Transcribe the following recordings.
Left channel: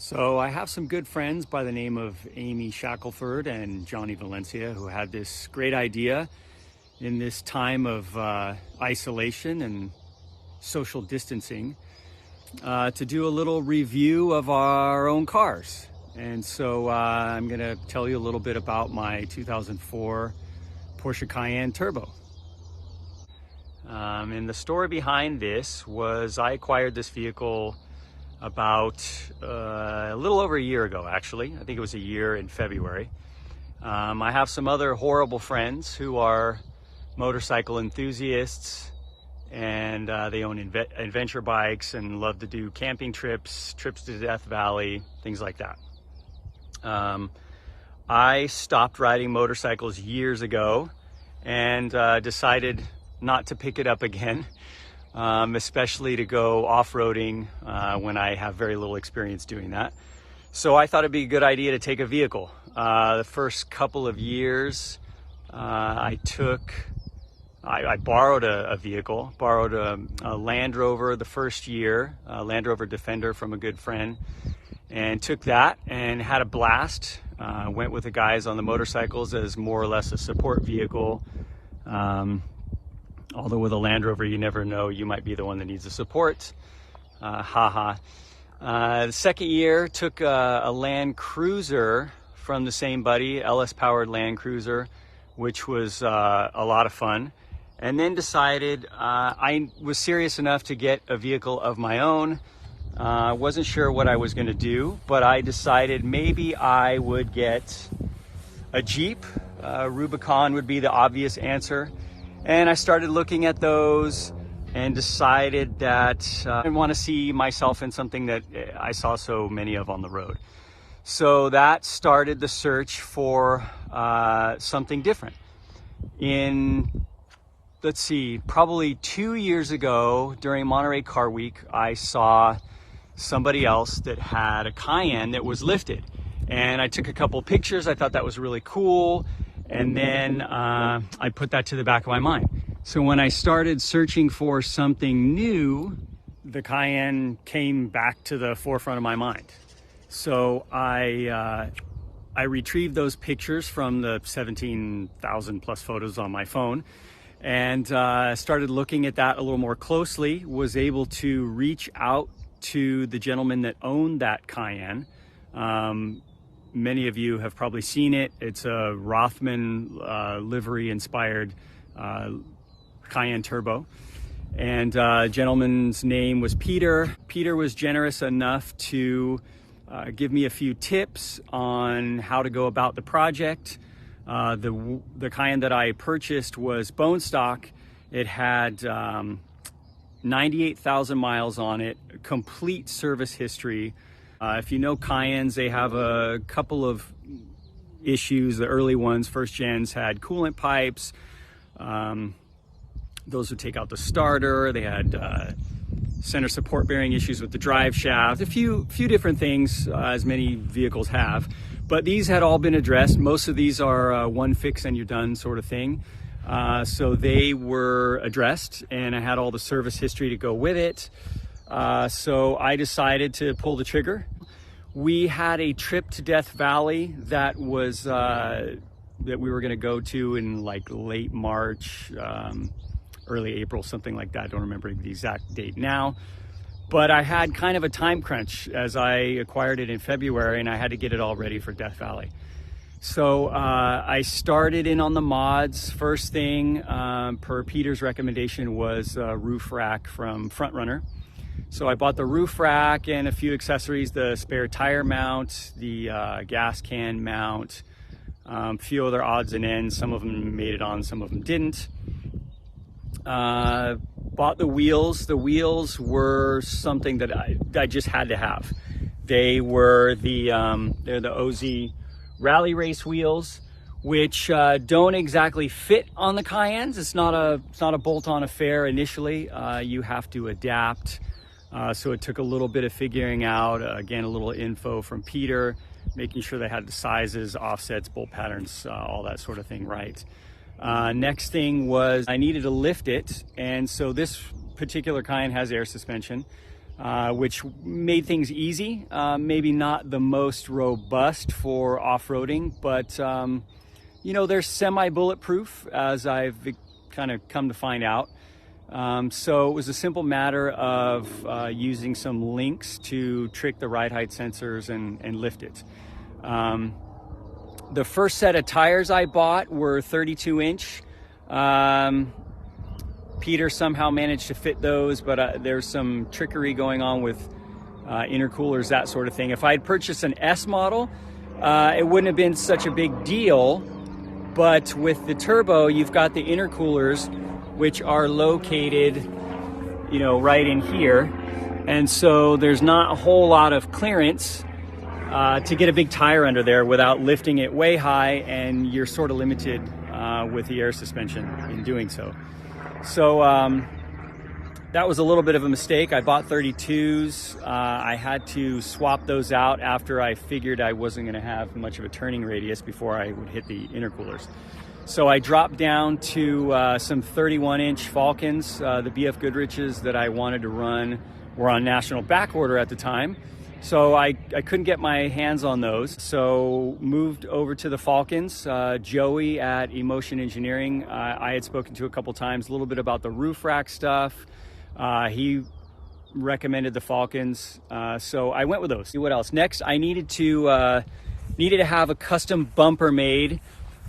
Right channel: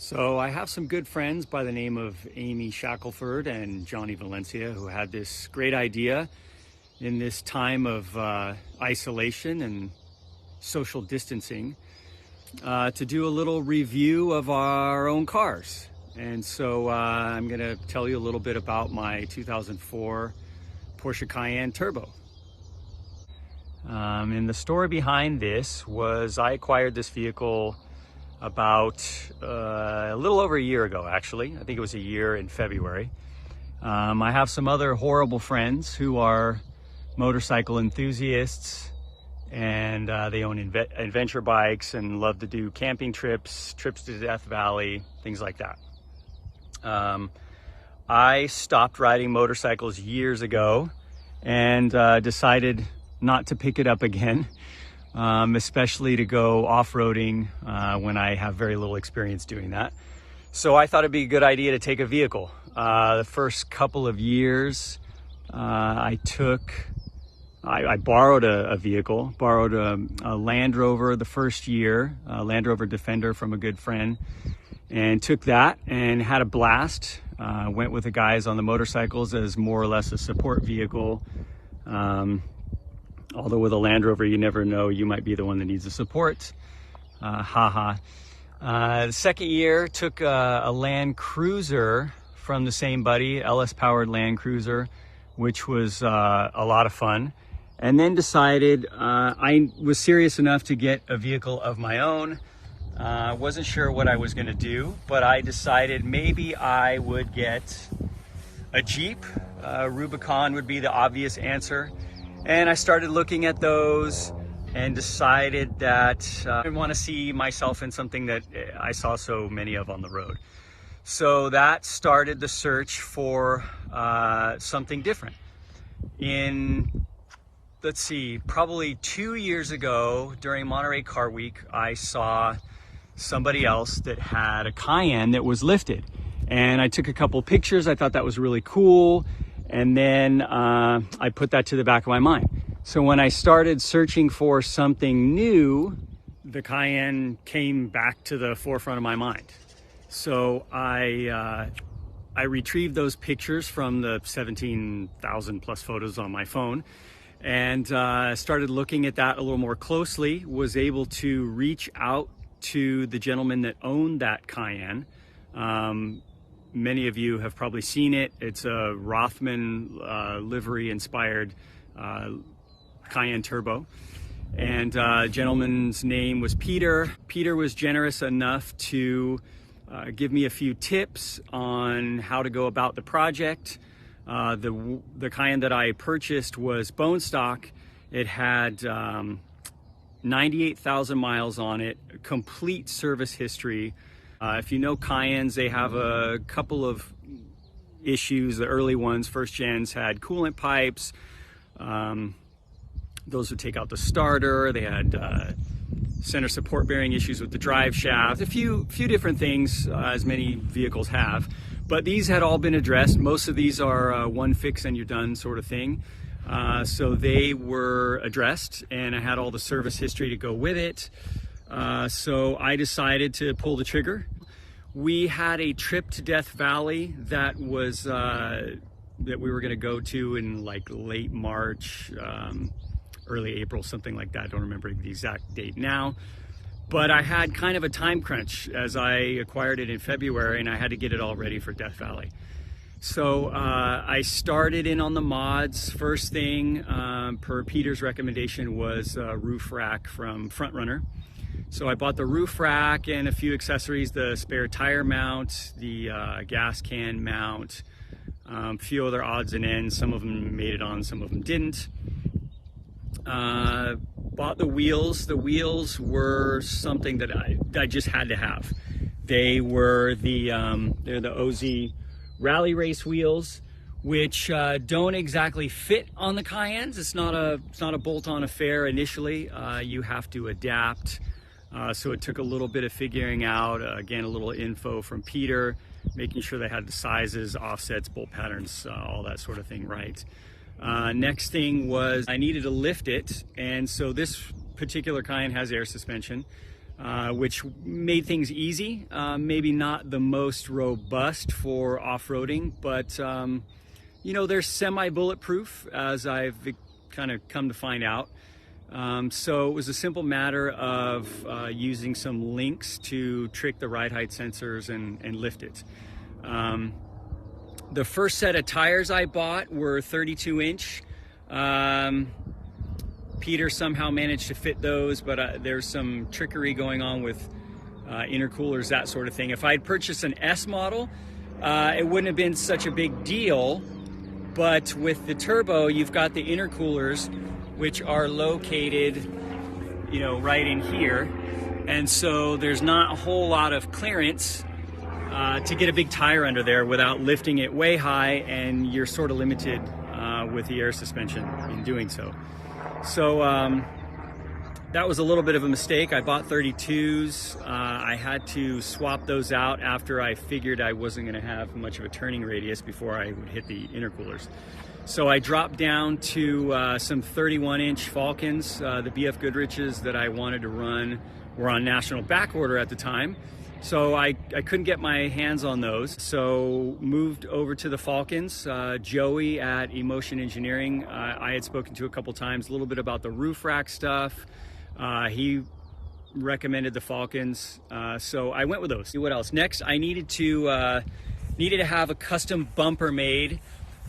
So I have some good friends by the name of Amy Shackelford and Johnny Valencia who had this great idea in this time of isolation and social distancing to do a little review of our own cars. And so I'm going to tell you a little bit about my 2004 Porsche Cayenne Turbo. And the story behind this was I acquired this vehicle about a little over a year ago, actually. I think it was a year in February. I have some other horrible friends who are motorcycle enthusiasts, and they own adventure bikes and love to do camping trips to Death Valley, things like that. I stopped riding motorcycles years ago and decided not to pick it up again. Especially to go off-roading when I have very little experience doing that. So I thought it'd be a good idea to take a vehicle. The first couple of years I borrowed a vehicle, borrowed a Land Rover the first year, a Land Rover Defender from a good friend, and took that and had a blast. Went with the guys on the motorcycles as more or less a support vehicle. Although with a Land Rover, you never know, you might be the one that needs the support. The second year, took a Land Cruiser from the same buddy, LS-powered Land Cruiser, which was a lot of fun. And then decided I was serious enough to get a vehicle of my own. Wasn't sure what I was going to do, but I decided maybe I would get a Jeep. Rubicon would be the obvious answer. And I started looking at those and decided that I want to see myself in something that I saw so many of on the road. So that started the search for something different. Let's see, probably 2 years ago during Monterey Car Week, I saw somebody else that had a Cayenne that was lifted. And I took a couple pictures. I thought that was really cool. And then I put that to the back of my mind. So when I started searching for something new, the Cayenne came back to the forefront of my mind. So I retrieved those pictures from the 17,000 plus photos on my phone and started looking at that a little more closely, was able to reach out to the gentleman that owned that Cayenne. Many of you have probably seen it. It's a Rothman livery inspired Cayenne Turbo. And gentleman's name was Peter. Peter was generous enough to give me a few tips on how to go about the project. The Cayenne that I purchased was bone stock. It had 98,000 miles on it, complete service history. If you know Cayennes, they have a couple of issues. The early ones, first gens, had coolant pipes. Those would take out the starter. They had center support bearing issues with the drive shaft. A few different things, as many vehicles have. But these had all been addressed. Most of these are one fix and you're done sort of thing. So they were addressed, and I had all the service history to go with it. So I decided to pull the trigger. We had a trip to Death Valley that was that we were going to go to in like late March, early April, something like that. I don't remember the exact date now, but I had kind of a time crunch as I acquired it in February, and I had to get it all ready for Death Valley. So I started in on the mods. First thing, per Peter's recommendation, was a roof rack from Front Runner. So I bought the roof rack and a few accessories, the spare tire mount, the gas can mount, a few other odds and ends. Some of them made it on, some of them didn't. Bought the wheels. The wheels were something that I just had to have. They were they're the OZ Rally Race wheels, which don't exactly fit on the Cayennes. It's not a bolt-on affair initially. You have to adapt. So it took a little bit of figuring out, again, a little info from Peter, making sure they had the sizes, offsets, bolt patterns, all that sort of thing right. Next thing was I needed to lift it, and so this particular Cayenne has air suspension. which made things easy. Maybe not the most robust for off-roading, but you know, they're semi-bulletproof, as I've kind of come to find out. So it was a simple matter of using some links to trick the ride height sensors and lift it. The first set of tires I bought were 32 inch. Peter somehow managed to fit those, but there's some trickery going on with intercoolers, that sort of thing. If I'd purchased an S model, it wouldn't have been such a big deal, but with the turbo, you've got the intercoolers, which are located, you know, right in here. And so there's not a whole lot of clearance to get a big tire under there without lifting it way high, and you're sort of limited with the air suspension in doing so. So that was a little bit of a mistake. I bought 32s. I had to swap those out after I figured I wasn't going to have much of a turning radius before I would hit the intercoolers. So I dropped down to some 31-inch Falkens. The BF Goodrich's that I wanted to run were on national back order at the time, so I couldn't get my hands on those. So moved over to the Falkens. Joey at Emotion Engineering, I had spoken to a couple times, a little bit about the roof rack stuff. He recommended the Falkens, so I went with those. What else? Next, I needed to have a custom bumper made.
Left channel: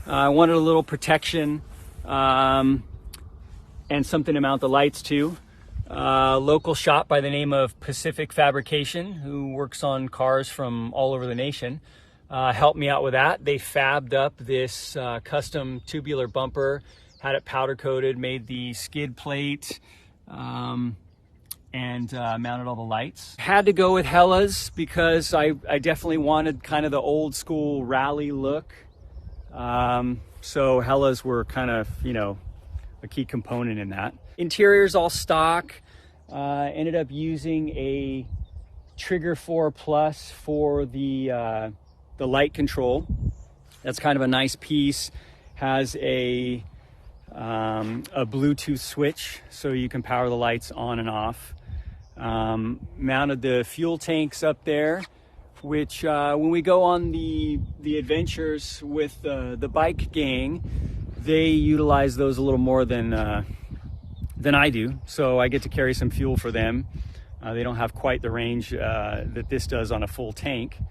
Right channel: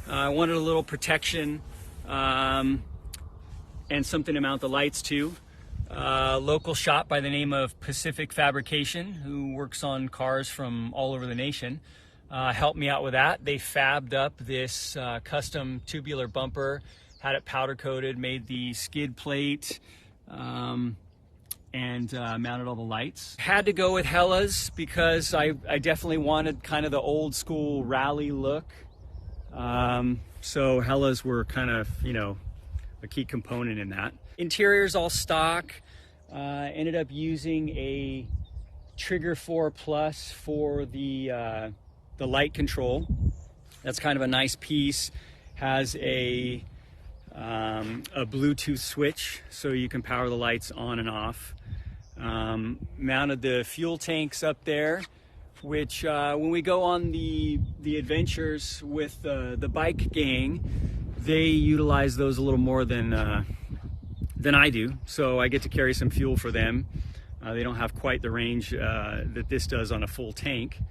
I wanted a little protection and something to mount the lights to. Local shop by the name of Pacific Fabrication, who works on cars from all over the nation, helped me out with that. They fabbed up this custom tubular bumper, had it powder coated, made the skid plate, and mounted all the lights. Had to go with Hella's because I definitely wanted kind of the old school rally look. So Hella's were kind of, you know, a key component in that. Interior's all stock. Ended up using a Trigger 4 Plus for the light control. That's kind of a nice piece. Has a Bluetooth switch so you can power the lights on and off. Mounted the fuel tanks up there, which when we go on the adventures with the bike gang, they utilize those a little more than I do, so I get to carry some fuel for them. They don't have quite the range that this does on a full tank,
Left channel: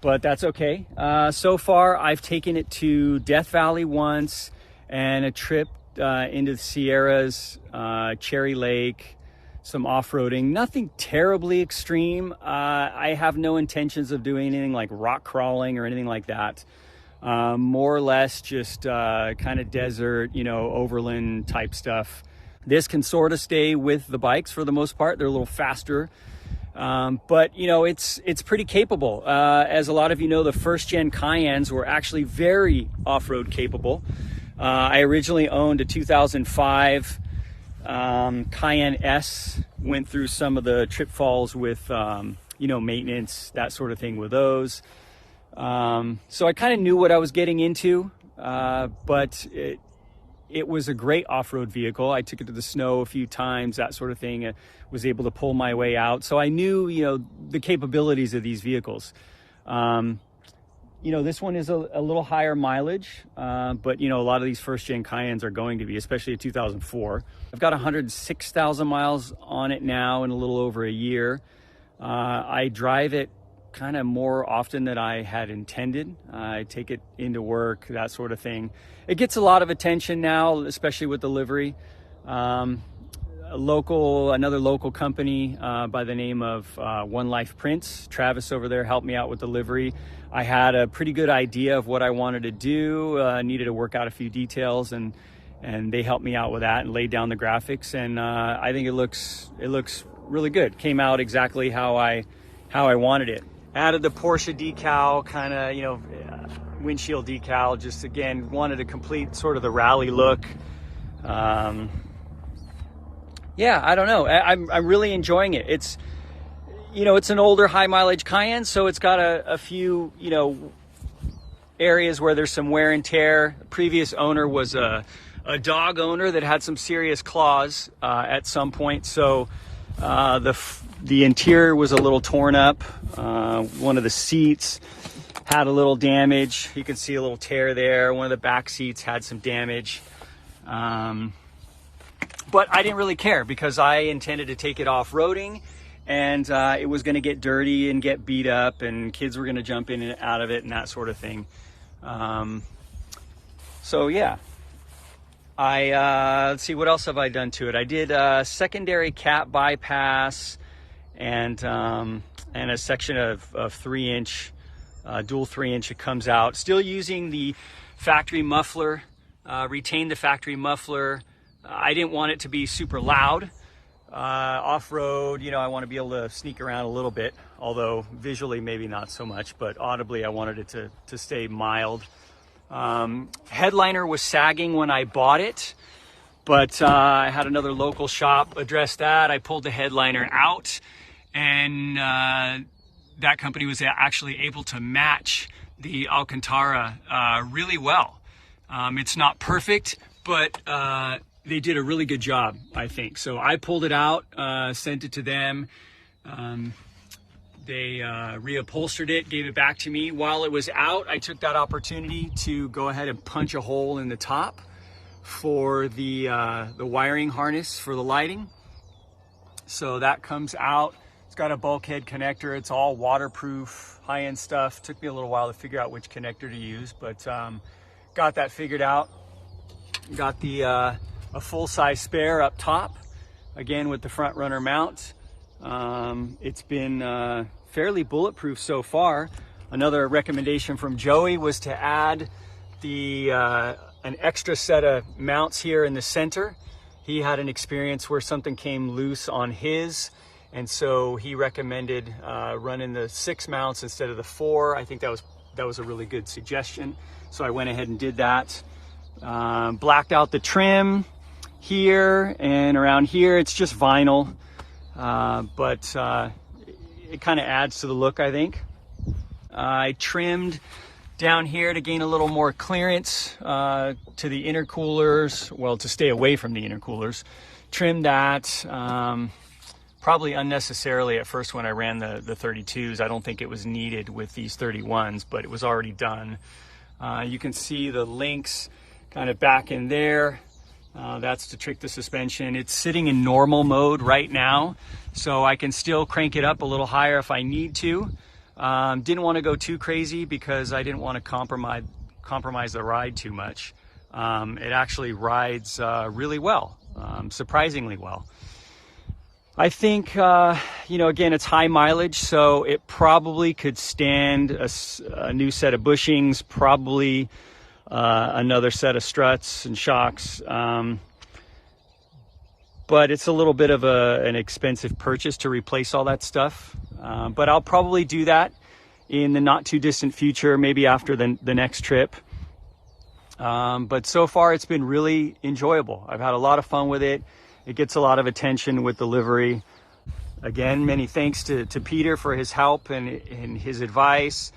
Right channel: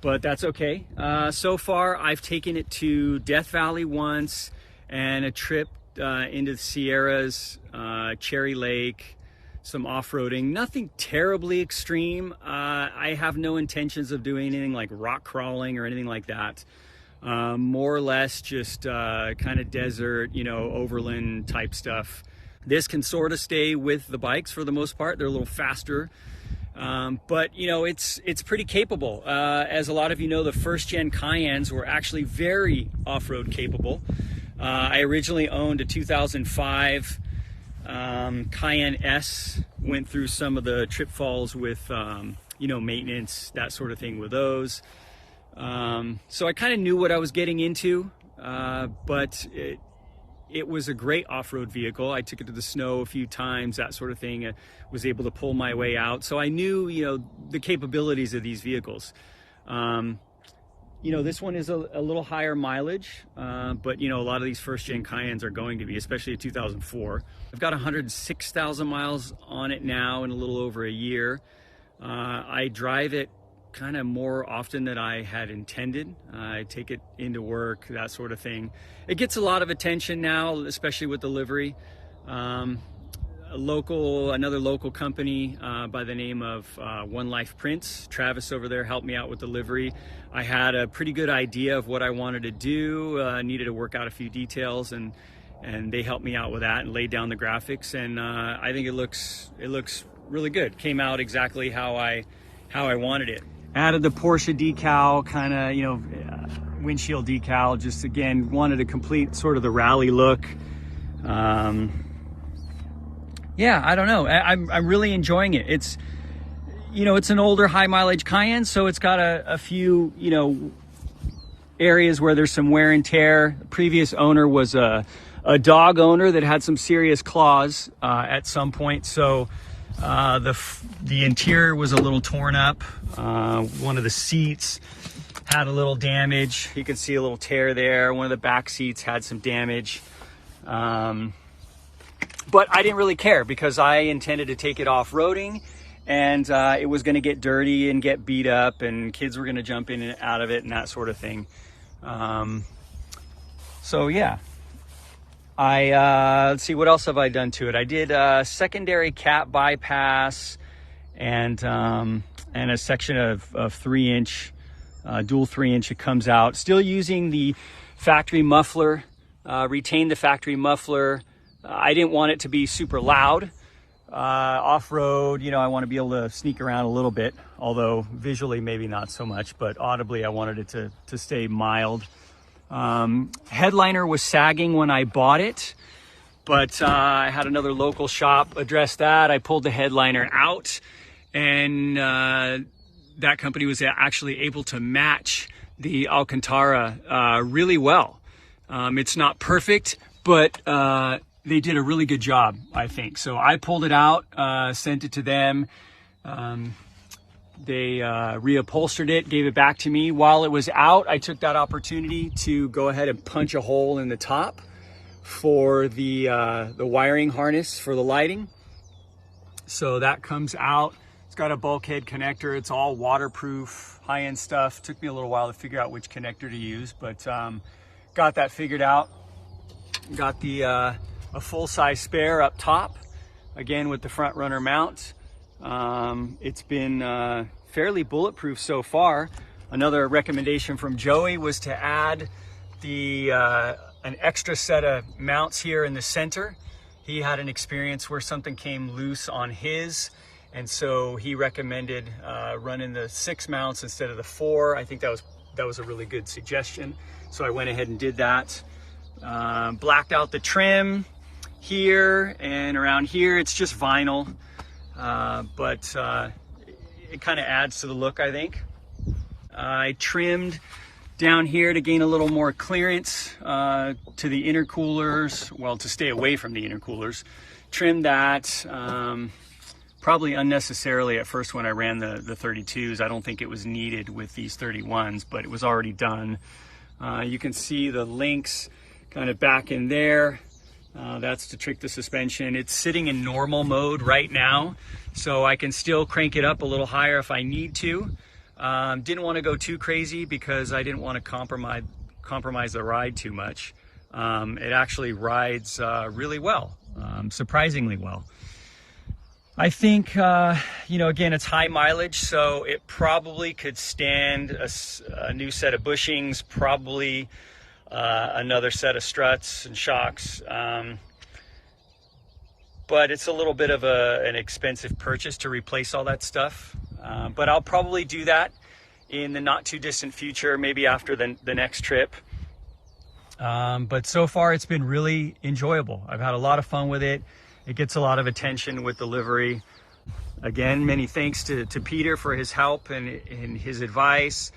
but that's okay. So far I've taken it to Death Valley once, and a trip into the Sierras, Cherry Lake, some off-roading. Nothing terribly extreme. I have no intentions of doing anything like rock crawling or anything like that. More or less just kind of desert, you know, overland type stuff. This can sort of stay with the bikes for the most part. They're a little faster, but you know, it's pretty capable. As a lot of you know, the first gen Cayennes were actually very off-road capable. I originally owned a 2005 Cayenne S, went through some of the trip falls with, you know, maintenance, that sort of thing with those. So I kind of knew what I was getting into, but it was a great off-road vehicle. I took it to the snow a few times, that sort of thing. Was able to pull my way out. So I knew, you know, the capabilities of these vehicles. You know, this one is a little higher mileage, but you know, a lot of these first-gen Cayennes are going to be, especially a 2004. I've got 106,000 miles on it now in a little over a year. I drive it kind of more often than I had intended. I take it into work, that sort of thing. It gets a lot of attention now, especially with the livery. Another local company by the name of One Life Prints, Travis over there helped me out with the livery. I had a pretty good idea of what I wanted to do, needed to work out a few details, and they helped me out with that and laid down the graphics, and I think it looks really good. Came out exactly how I wanted it. Added the Porsche decal, kind of, you know, windshield decal, just again wanted to complete sort of the rally look. Yeah, I don't know. I'm really enjoying it. It's, you know, it's an older high mileage Cayenne, so it's got a few, you know, areas where there's some wear and tear. The previous owner was a dog owner that had some serious claws at some point, so The interior was a little torn up. One of the seats had a little damage. You can see a little tear there. One of the back seats had some damage. But I didn't really care because I intended to take it off-roading, and it was going to get dirty and get beat up, and kids were going to jump in and out of it and that sort of thing. So yeah, let's see, what else have I done to it? I did a secondary cap bypass and a section of 3-inch, dual 3-inch that comes out. Still using the factory muffler, retained the factory muffler. I didn't want it to be super loud. Off-road, you know, I want to be able to sneak around a little bit, although visually maybe not so much, but audibly I wanted it to stay mild. Headliner was sagging when I bought it, but I had another local shop address that. I pulled the headliner out, and that company was actually able to match the Alcantara really well. It's not perfect, but they did a really good job, I think. So I pulled it out, sent it to them. They reupholstered it, gave it back to me. While it was out, I took that opportunity to go ahead and punch a hole in the top for the wiring harness for the lighting. So that comes out. It's got a bulkhead connector. It's all waterproof, high-end stuff. Took me a little while to figure out which connector to use, but got that figured out. Got the a full-size spare up top, again with the front runner mount. It's been fairly bulletproof so far. Another recommendation from Joey was to add an extra set of mounts here in the center. He had an experience where something came loose on his, and so he recommended running the 6 mounts instead of the 4. I think that was a really good suggestion, so I went ahead and did that. Blacked out the trim here and around here. It's just vinyl, but it kind of adds to the look, I think. I trimmed down here to gain a little more clearance to the intercoolers, well, to stay away from the intercoolers. Trimmed that, probably unnecessarily at first when I ran the 32s. I don't think it was needed with these 31s, but it was already done. You can see the links kind of back in there. That's to trick the suspension. It's sitting in normal mode right now, so I can still crank it up a little higher if I need to. Didn't want to go too crazy because I didn't want to compromise the ride too much. It actually rides really well, surprisingly well. I think, you know, again, it's high mileage, so it probably could stand a new set of bushings, probably another set of struts and shocks, but it's a little bit of an expensive purchase to replace all that stuff, but I'll probably do that in the not too distant future, maybe after the next trip. But so far it's been really enjoyable. I've had a lot of fun with it. It gets a lot of attention with the livery. Again, many thanks to Peter for his help and his advice.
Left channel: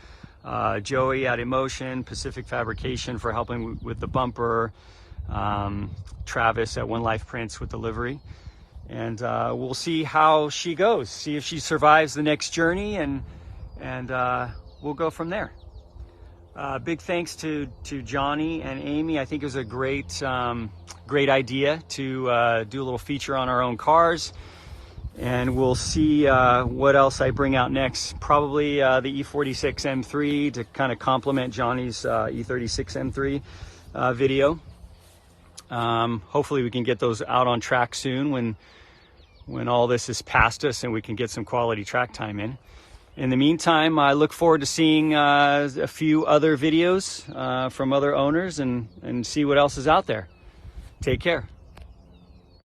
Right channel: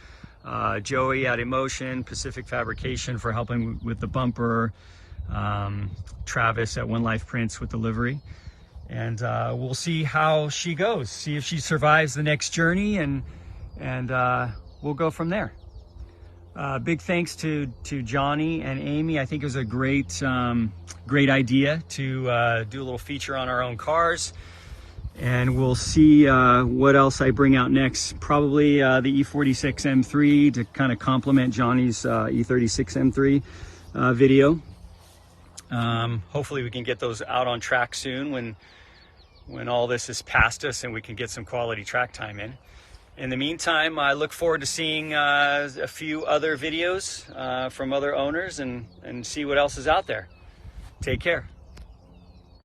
Joey at Emotion, Pacific Fabrication for helping with the bumper, Travis at One Life Prints with the livery, and we'll see how she goes, see if she survives the next journey, and we'll go from there. Big thanks to Johnny and Amy. I think it was a great idea to do a little feature on our own cars. And we'll see what else I bring out next. Probably the E46 M3 to kind of complement Johnny's E36 M3 video. Hopefully we can get those out on track soon when all this is past us and we can get some quality track time in. In the meantime, I look forward to seeing a few other videos from other owners and see what else is out there. Take care.